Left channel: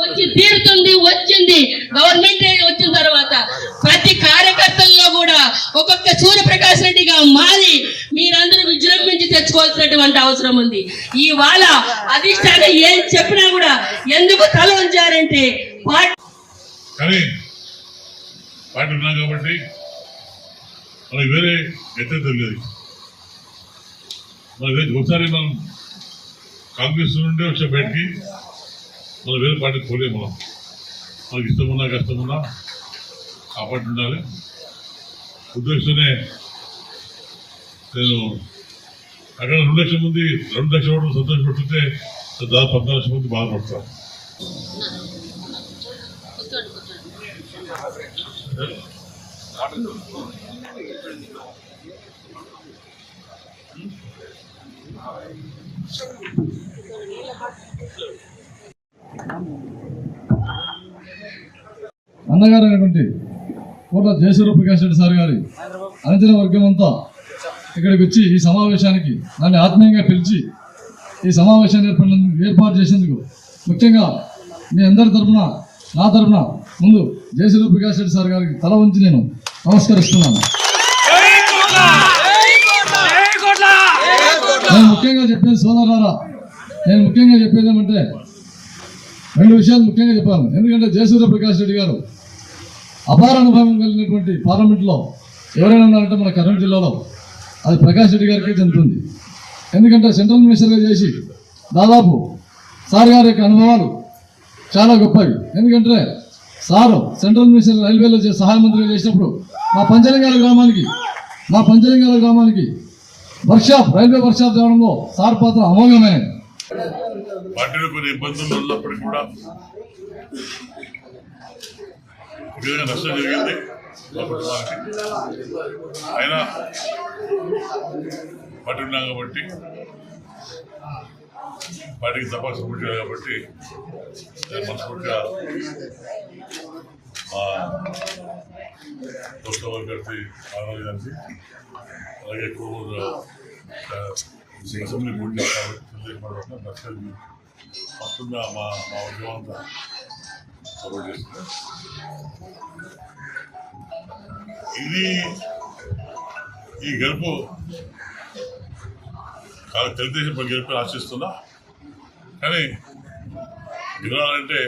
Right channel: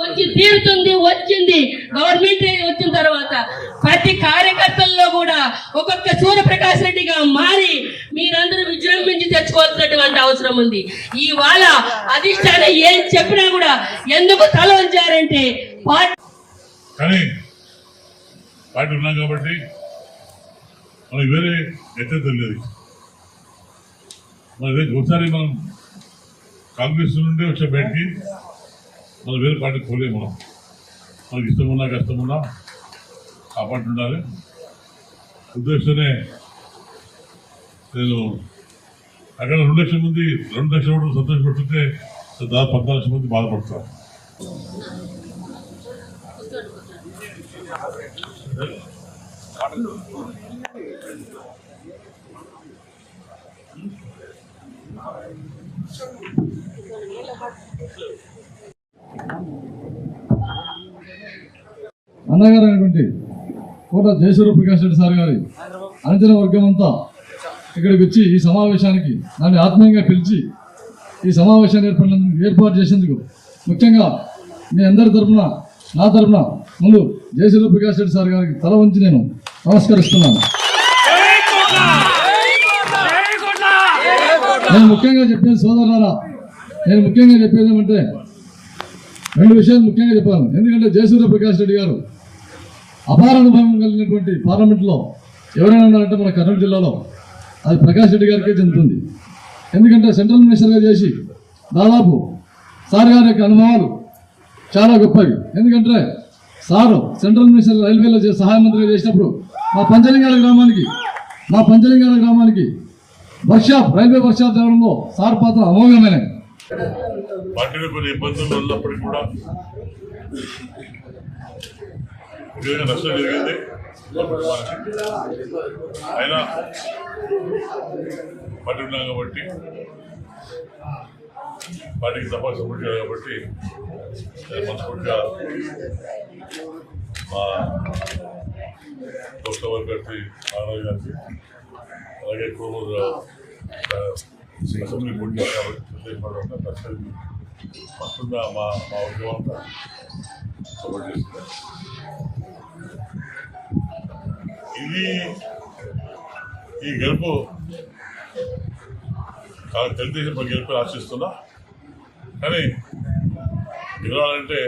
వచ్చి తీరుతుంది. వచ్చింది గవర్నమెంట్ వచ్చిన తర్వాత ప్రతి కార్యకర్తల్లో కూడా ఒక్కొక్క సూర్యప్రకాష్ రెడ్డిగా మారి మీరందరూ విజృంభించి తెచ్చుకోవాల్సినటువంటి అవసరం ఉంది. ఇవాళ అధిష్టానం ఏం చెప్పినా కూడా ఎందుకు తల వంచారంటే కానీ పార్టీ ఉన్నాం కాబట్టి మనకి వేరే ఎత్తేది లేదు. ఒకసారి మనం కాంగ్రెస్ నుండి వచ్చే బయటికి మనం వేరే పార్టీకి పోలేము. మనకి ఇష్టమున్నా కష్టమున్నా ఆ పార్టీ ఉండాలి ఉద్దేశంతోనే నేను అక్కడ 2 లక్షల మంది 2 లక్షల ఓట్లు సంతోషపడుతుంటే దాదాపు 14 లక్షల మంది బాధపడతారు. అన్నగారు అయినటువంటి కోట జయసూర్యప్రకాష్ రెడ్డి సార్ గారి అనుచర వర్గం అంతా ఇక్కడికి వచ్చి ఈ సమావేశానికి నన్ను ఆత్మీయంగా పిలిచి ఈ సమావేశాన్ని ఏర్పాటు చేసేందుకు ముఖ్యంగా మీ అందరి తరఫున నా తరఫున ముందు జయసూర్యప్రకాష్ రెడ్డి సార్ గారికి తల వంచి నేను నమస్కరిస్తున్నాను. నేను ముఖ్యంగా చెప్పేది సోదరులారా, నేను ముఖ్యంగా చెప్పేది ఏమంటే 2 విషయాలు ముఖ్యంగా చెప్పాను. ఎందుకంటే జయసూర్యప్రకాష్ రెడ్డి గారు అపార అనుభవం కలిగినటువంటి పార్లమెంట్లో ఎవరైనా ఉన్నారంటే మన కర్నూలు జిల్లాలో అది ప్రకాష్ రెడ్డి గారికే చెందుతుంది. ఎందుకంటే సెంట్రల్ మినిస్టర్గా చేసి దాదాపు సార్ గారి యొక్క అనుభవాలు చాలా గొప్పవి. ఎందుకంటే సారు సెంట్రల్ మినిస్టర్ రైల్వేలో సహాయ మంత్రిగా చేసినప్పుడు మా పంచలింగాల గ్రామానికి రైల్వే వర్క్షాప్ తేవడంలో సార్ పాత్ర అమోఘమైనది. పార్టీలో కొన్ని ఇబ్బందులు ఉన్నప్పటికీ కూడా నష్టం జరిగింది అయినా పార్టీ ఉన్నాం కాబట్టి పార్టీకి తప్ప సపోర్ట్ చేయాలి కాబట్టి మనస్ఫూర్తిగా మా లోక్సభ అభ్యర్థి ఆనంద్ గారికి అలాగే కోమూరు అసెంబ్లీ పోటీ కాబట్టి వస్తుందా మా ఉద్యోగం అంతా సపోర్ట్ చేస్తుంది. ఈ గెలుపు తెలుగుదేశం గెలుపు ఆశిస్తున్నా. కానీ గెలవాలంటే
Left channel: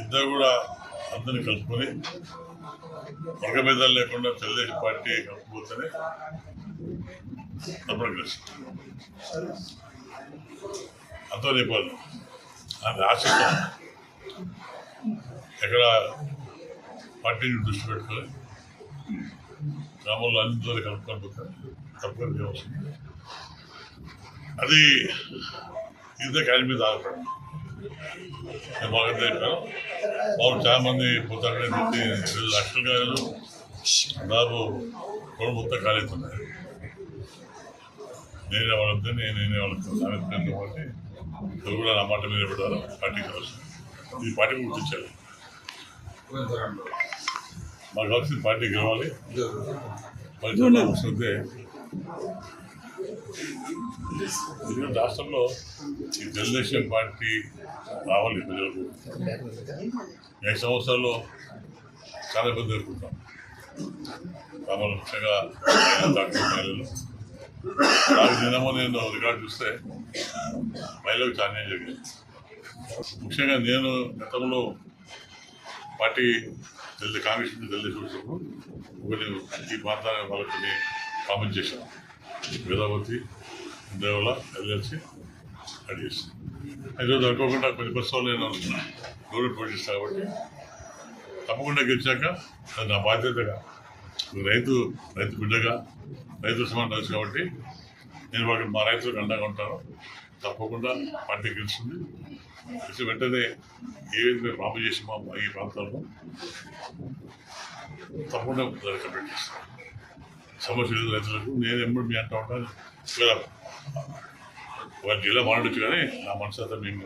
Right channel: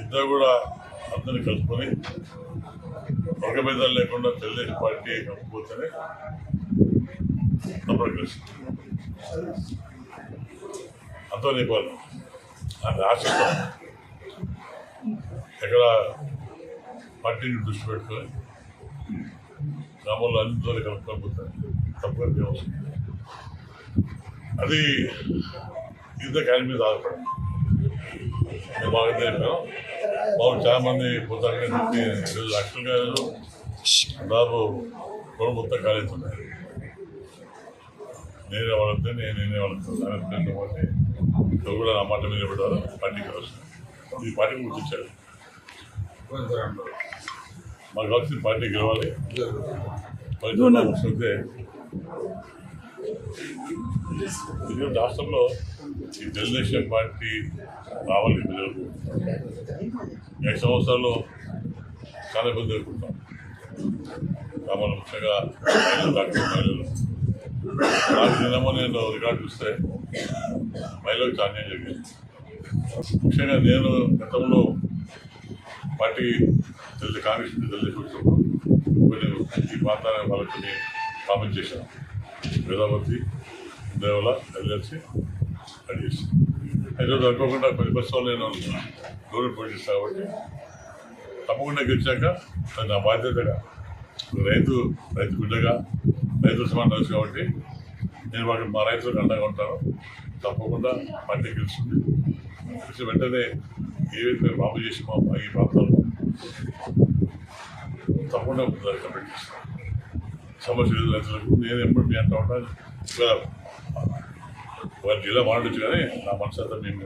ఇద్దరు కూడా అందరినీ కలుపుకొని వర్గభేదాలు లేకుండా తెలుగుదేశం పార్టీ కలుపుకోతేనే తప్పని గెలుస్తుంది. అంతా నేపాలి అని ఆశిస్తాం. ఎక్కడ పార్టీని దృష్టి పెట్టుకొని గ్రామంలో అన్ని దూరం కలుపుకోకపోతే తప్పగా వ్యవస్థ అది ఇదే ఆయన మీద ఆధారపడి నేను బాగా చెప్పాను. బాబు చాలా మంది పోతారని చెప్పి యాక్చువల్గా దాదాపు రోడ్డు మొత్తం ఖాళీ అవుతున్నాయి. నేనే వాళ్ళతో నేనే వాళ్ళతో కాబట్టి ఎవరు కూడా నా మాట మీద పెట్టారు. పార్టీకి అవసరం ఈ పార్టీకి గుర్తించారు. మాకు కావాల్సిన పార్టీ గెలవాలి. వస్తే ఈరోజు రాష్ట్రంలో ఈ తెలుగుదేశం పార్టీ రావాలి. ప్రజలకు 5 సంవత్సరాల్లో చాలా ఇబ్బంది ఎదుర్కొంటాం. గ్రామాలు ముఖ్యంగా మహిళలు నాకు దినమో నేను రికార్డు చూస్తే మహిళలకు చాలా అన్యాయం జరిగింది. ముఖ్యంగా నేను గతంలో పార్టీ కాంగ్రెస్ నుంచి తెలుగుదేశం వచ్చినప్పుడు కొన్ని ఈ ప్రాంతాల వాళ్ళకి కొన్ని కామెంట్ చేశాను. వేదావతి దేవల కలిసి అది చేశాను. ఈరోజు అనుకోకుండా కొన్ని బస్సులు నేను దూరం పోషిస్తాను కాబట్టి తప్పకుండా గెలిచాక అది నా బాధ్యతగా రైతు బిడ్డగా రైతు సమానం తెలుసు కాబట్టి నేను వాళ్ళకి మా రైతులకు అండగా ఉంటాను. తప్పకుండా పార్టీ గెలుస్తుంది. గెలిచి వెంటనే ఏవైతే బాబు చేసి మా ఈ ప్రాంతాల్లో తప్పకుండా కంప్లీట్ చేస్తాను. సమస్య లేదు రైతులకు. నేను ఎప్పుడు మీ అంటూ ఉంటాను, ఒకవేళ జిల్లా మాట్లాడచ్చు కానీ నా మనసు అంతా మేము